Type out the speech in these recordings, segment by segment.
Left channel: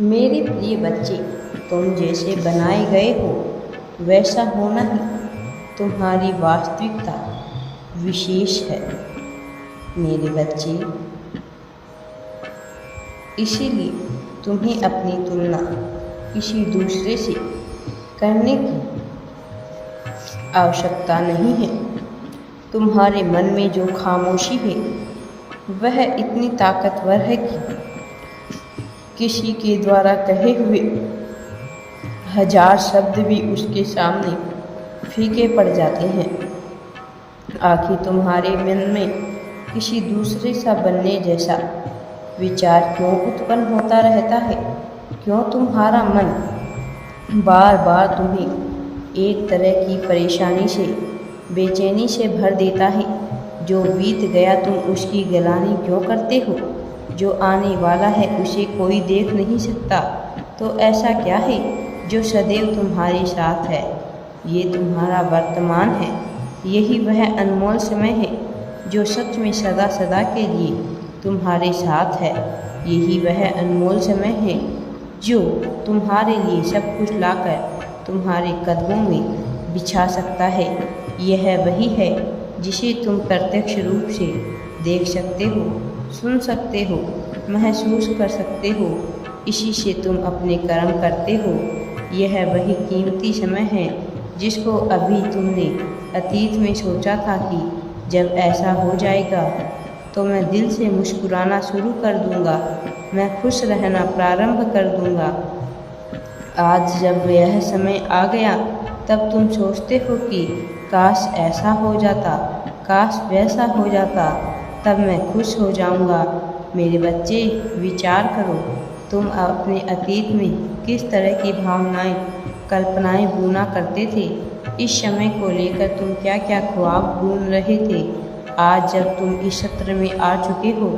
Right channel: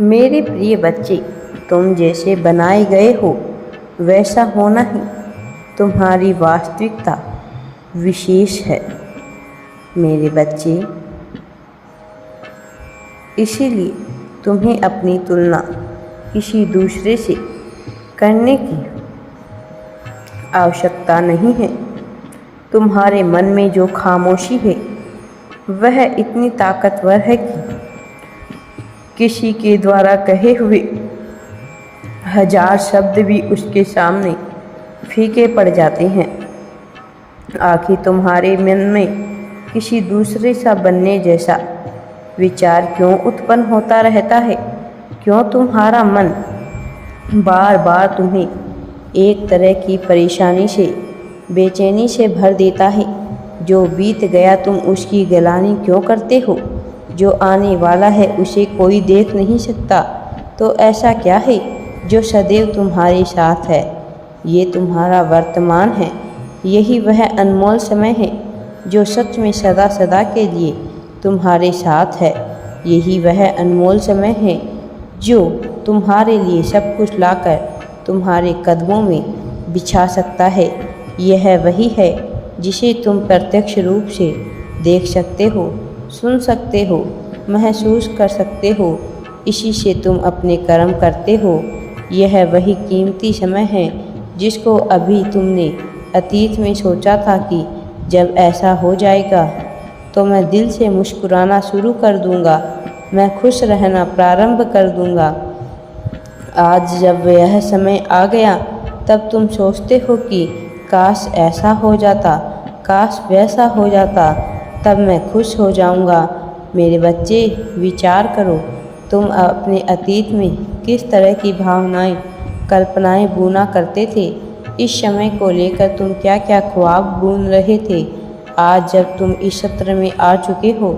मेरे प्रिय बच्चे, तुम जैसे बनाए गए हो वैसा होना ही तुम्हारी वास्तविकता विशेष है मेरे बच्चे। इसीलिए तुम्हें अपनी तुलना किसी दूसरे से करने की आवश्यकता नहीं है। तुम्हारे मन में जो खामोशी है वह इतनी ताकतवर है कि किसी के द्वारा कहे हुए 1000 शब्द भी उसके सामने फीके पड़ जाते हैं। आखिर तुम्हारे मन में किसी दूसरे सा बनने जैसा विचार क्यों उत्पन्न होता रहता है? क्यों तुम्हारा मन बार बार तुम्हें एक तरह की परेशानी से, बेचैनी से भर देता है? जो बीत गया तुम उसकी गिलानी क्यों करते हो? जो आने वाला है उसे कोई देख नहीं सकता, तो ऐसा क्या है जो सदैव तुम्हारे साथ है? ये तुम्हारा वर्तमान है। यही वह अनमोल समय है जो सच में सदा सदा के लिए तुम्हारे साथ है। यही वह अनमोल समय है जो तुम्हारे लिए सब कुछ लाकर तुम्हारे कदमों में बिछा सकता है। यह वही है जिसे तुम प्रत्यक्ष रूप से देख सकते हो, सुन सकते हो, महसूस कर सकते हो। इसी से तुम अपने कर्म करते हो। यह वही कीमती समय है जिसको अभी तुमने अतीत में सोचा था कि जब ऐसा हो जाएगा तो मैं दिल से मुस्कुराना शुरू कर दूंगा, मैं खुश रहना प्रारंभ कर दूंगा। आज जब यह समय आ गया तब तुम सोचते हो कि काश ऐसा हो जाता, काश वैसा हो जाता, तब मैं खुश हो जाऊंगा। मेरे बच्चे, विचार करो, तुम अपने अतीत में किस तरह की भावनाएं, कल्पनाएं बुना करते थे। इस समय को लेकर तुम क्या क्या ख्वाब बुन रहे थे। आज जब तुम इस सत्र में आ चुके हो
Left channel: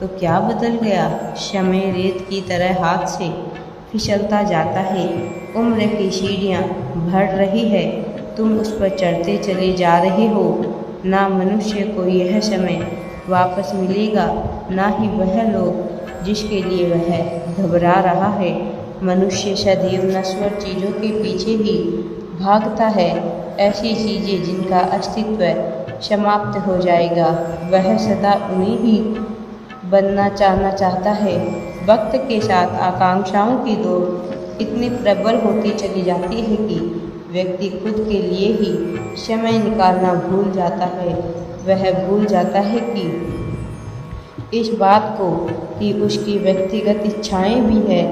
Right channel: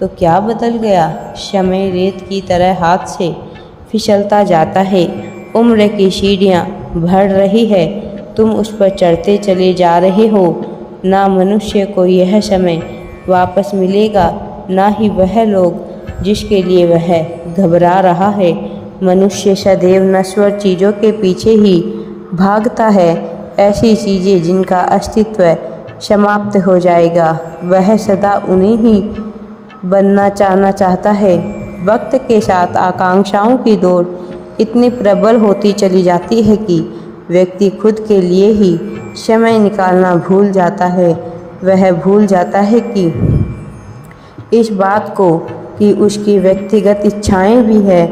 तो क्या बदल गया? समय रेत की तरह हाथ से फिसलता जाता है। उम्र की सीढ़ियाँ बढ़ रही है, तुम उस पर चढ़ते चले जा रहे हो। ना मनुष्य को यह समय वापस मिलेगा, ना ही वह लोग जिसके लिए वह घबरा रहा है। मनुष्य सदैव नश्वर चीज़ों के पीछे ही भागता है, ऐसी चीज़ें जिनका अस्तित्व समाप्त हो जाएगा। वह सदा उन्हें ही बनना चाहता है। वक्त के साथ आकांक्षाओं की दौड़ इतनी प्रबल होती चली जाती है कि व्यक्ति खुद के लिए ही समय निकालना भूल जाता है। वह भूल जाता है कि इस बात को कि उसकी व्यक्तिगत इच्छाएं भी है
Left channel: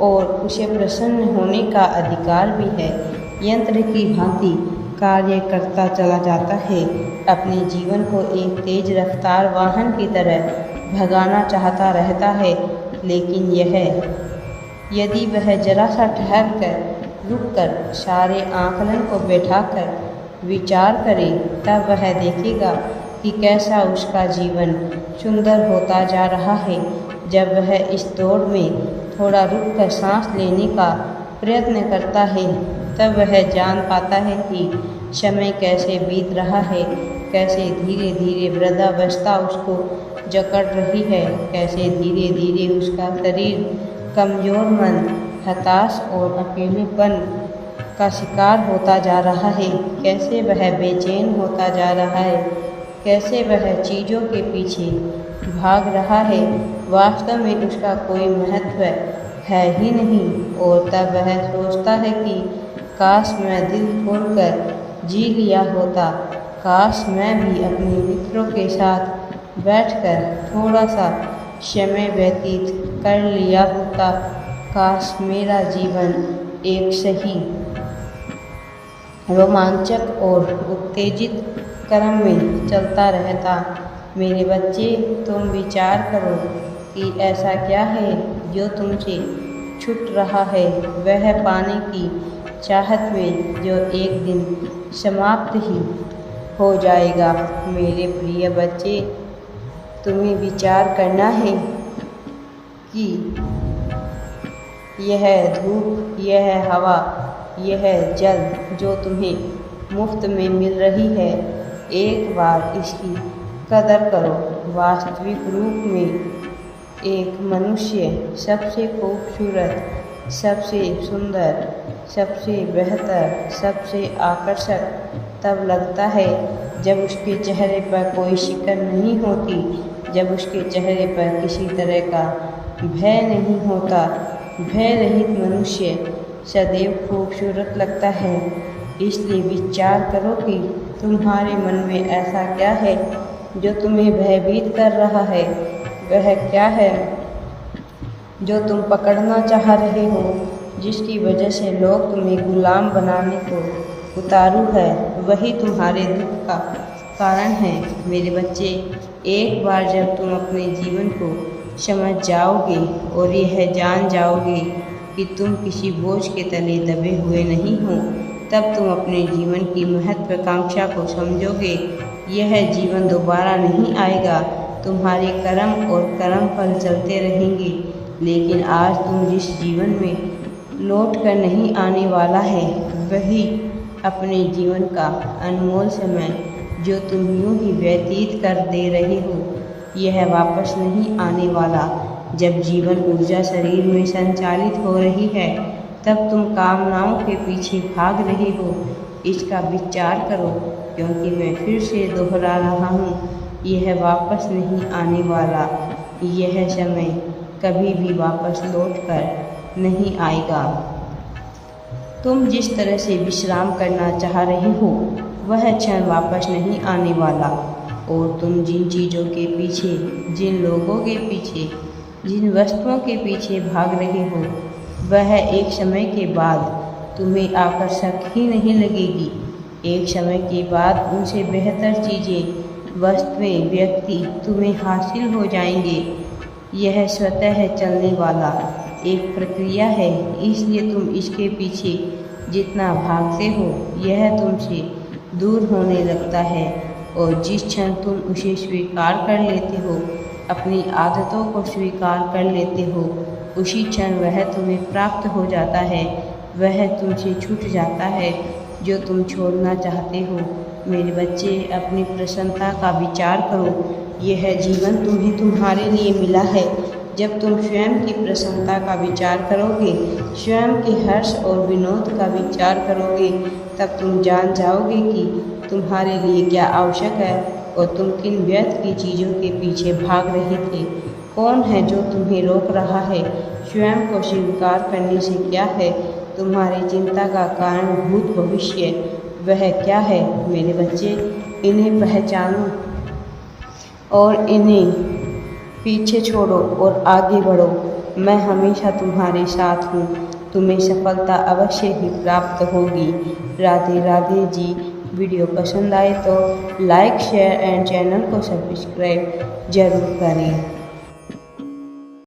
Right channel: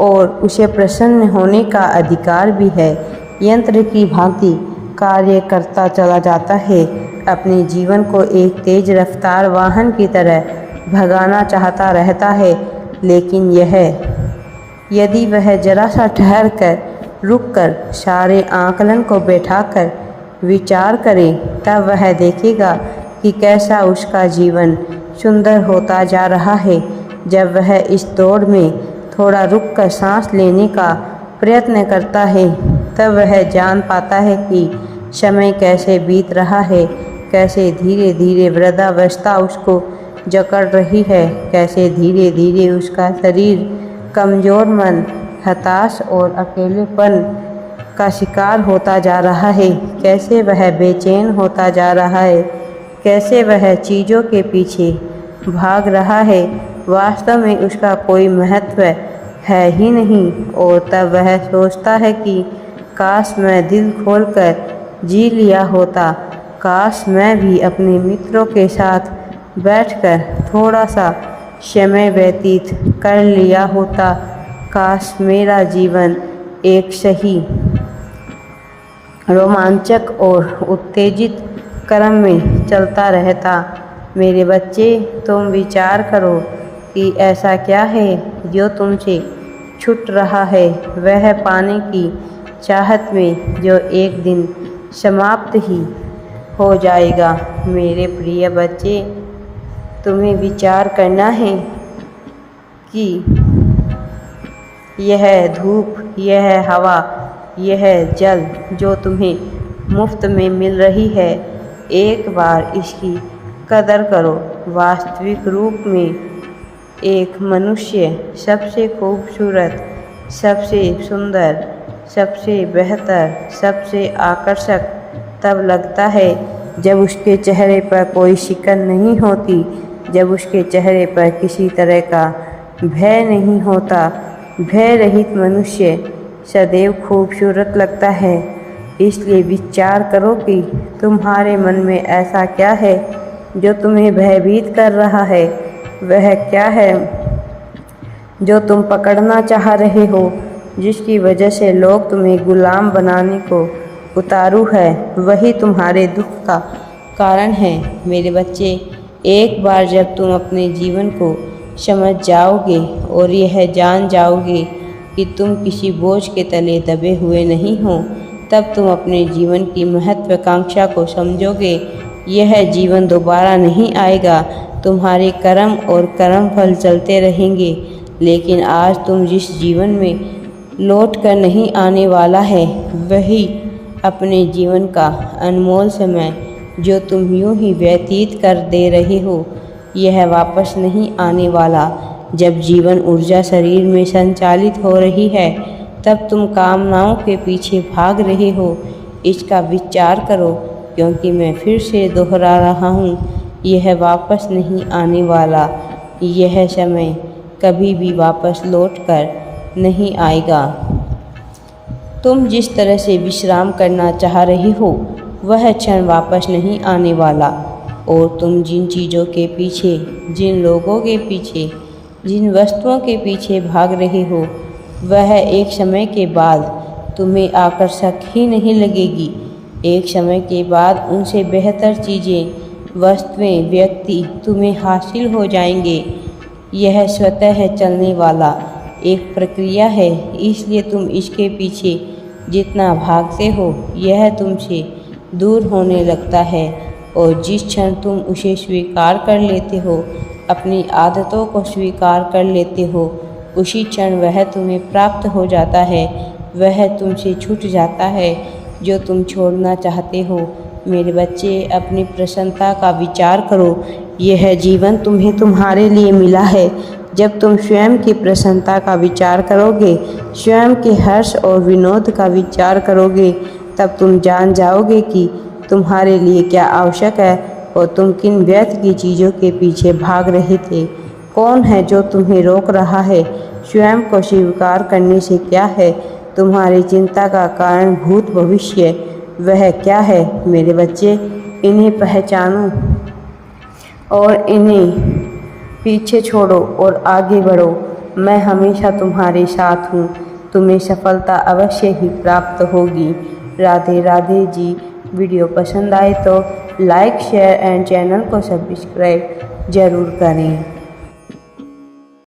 और उसे प्रसन्न होने का अधिकार भी है। यंत्र की भांति कार्य करता चला जाता है, अपने जीवन को एक तेज रफ्तार वाहन की तरह भगाना चाहता रहता है। लेकिन यदि वह जरा सा ठहर कर, रुक कर, सारे आकलन को बैठाकर विचार करे, तब वह देखेगा कि कैसा उसका जीवन सुंदर होता जा रहा है। जब वह इस दौड़ में थोड़ा रुक कर सांस लेने का प्रयत्न करता है, तब वह जान पाता है कि समय कैसे बीत रहा है, कैसे धीरे धीरे वृद्धावस्था उसको जकड़ रही है, कैसे धीरे धीरे उसका शरीर कमज़ोर, मन हताश और अकेलेपन का शिकार होता जा रहा है, कैसे वह बेचैन होता जा रहा है, कैसे वह चीज़ों के पीछे भाग रहा है। वास्तव में उसका कोई महत्व है ही नहीं। और तब वह सोचता है कि काश मैं दिल खोलकर जी लिया होता, काश मैं भी अपने मित्रों के साथ बैठकर थोड़ा सा समय व्यतीत कर लिया होता, काश मेरा जीवन एक सही रोमांचक और उत्तेजित क्रम में चलता रहता। मेरे बच्चे, तुम विचार करो कि ऐसा क्या है जो तुमसे छूट रहा है, वह पाने की चाहत में जो एक दिन समाप्त ही हो जाएगा। मेरे प्रिय बच्चे, तुम्हें विचार करना है कि यह धूप, यह हवा, यह जल जो तुम्हें मुफ्त में मिल रही है, एक बार इसकी कदर करो। वास्तविक रूप में एक मनुष्य सबसे खूबसूरत, सबसे सुंदर, सबसे बेहतर, सबसे आकर्षक तब लगता है जब उसके चेहरे पर कोई शिकन नहीं होती, जब उसके चेहरे पर किसी तरह का भय नहीं होता। भय रहित मनुष्य सदैव खूबसूरत लगता है। इसलिए विचार करो कि तुम्हारे मन में ऐसा क्या है जो तुम्हें भयभीत कर रहा है। वह क्या है जो तुम पकड़ना चाह रहे हो, जिसकी वजह से लोग तुम्हें गुलाम बनाने को उतारू है। वही तुम्हारे दुख का कारण है। मेरे बच्चे, एक बार जब तुम अपने जीवन को समझ जाओगे और यह जान जाओगे कि तुम किसी बोझ के तले दबे हुए नहीं हो, तब तुम अपने जीवन की महत्वाकांक्षा को समझोगे। यह जीवन दोबारा नहीं आएगा। तुम्हारे कर्म और कर्म फल चलते रहेंगे, लेकिन आज तुम जिस जीवन में लौट कर नहीं आने वाला है, वही अपने जीवन का अनमोल समय जो तुम यूं ही व्यतीत कर दे रहे हो, यह वापस नहीं आने वाला। जब जीवन ऊर्जा शरीर में संचालित हो रही है, तब तुम कामनाओं के पीछे भाग रहे हो। इसका विचार करो, क्योंकि मैं फिर से दोहरा रहा हूँ, यह वापस नहीं आने वाला। यह समय कभी भी वापस लौट कर नहीं आएगा। तुम जिस तरह से विश्राम करना चाह रहे हो, वह क्षण वापस नहीं आने वाला। और तुम जिन चीज़ों के पीछे, जिन लोगों के पीछे, जिन वस्तुओं के पीछे भाग रहे हो, वह एक समय के बाद तुम्हें आकर्षक ही नहीं लगेगी। एक समय के बाद उनसे बेहतर चीज़ें, वस्तुएं, व्यक्ति तुम्हें हासिल हो जाएंगे। यह स्वतः चलने वाला एक प्रक्रिया है, इसलिए तुम इसके पीछे जितना भागते हो, यह तुमसे दूर होने लगता है। और जिस क्षण तुम उसे स्वीकार कर लेते हो, अपनी आदतों को स्वीकार कर लेते हो, उसी क्षण वह तुम्हें प्राप्त हो जाता है। वह तुमसे छूट जाता है जो तुम छोड़ना चाहते हो। मेरे बच्चे, अपनी प्रसन्नता का विचार करो। यह जीवन तुम्हें तुम्हारे लिए मिला है। जब तुम स्वयं की प्रसन्नता का विचार करोगे, स्वयं के हर्ष और विनोद का विचार करोगे, तब तुम जान जाओगे कि तुम्हारे लिए क्या आवश्यक है और तुम किन व्यर्थ की चीज़ों के पीछे भाग रहे थे। कौन है जो तुम्हें रोक रहा है? स्वयं को स्वीकार करने से क्या है तुम्हारी चिंता का कारण भूत भविष्य, वह क्या है? मेरे बच्चे, इन्हें पहचानो और इन्हें पीछे छोड़ो और आगे बढ़ो। मैं हमेशा तुम्हारे साथ हूँ। तुम्हें सफलता अवश्य ही प्राप्त होगी। राधे राधे जी। वीडियो पसंद आए तो लाइक, शेयर एंड चैनल को सब्सक्राइब जरूर करें।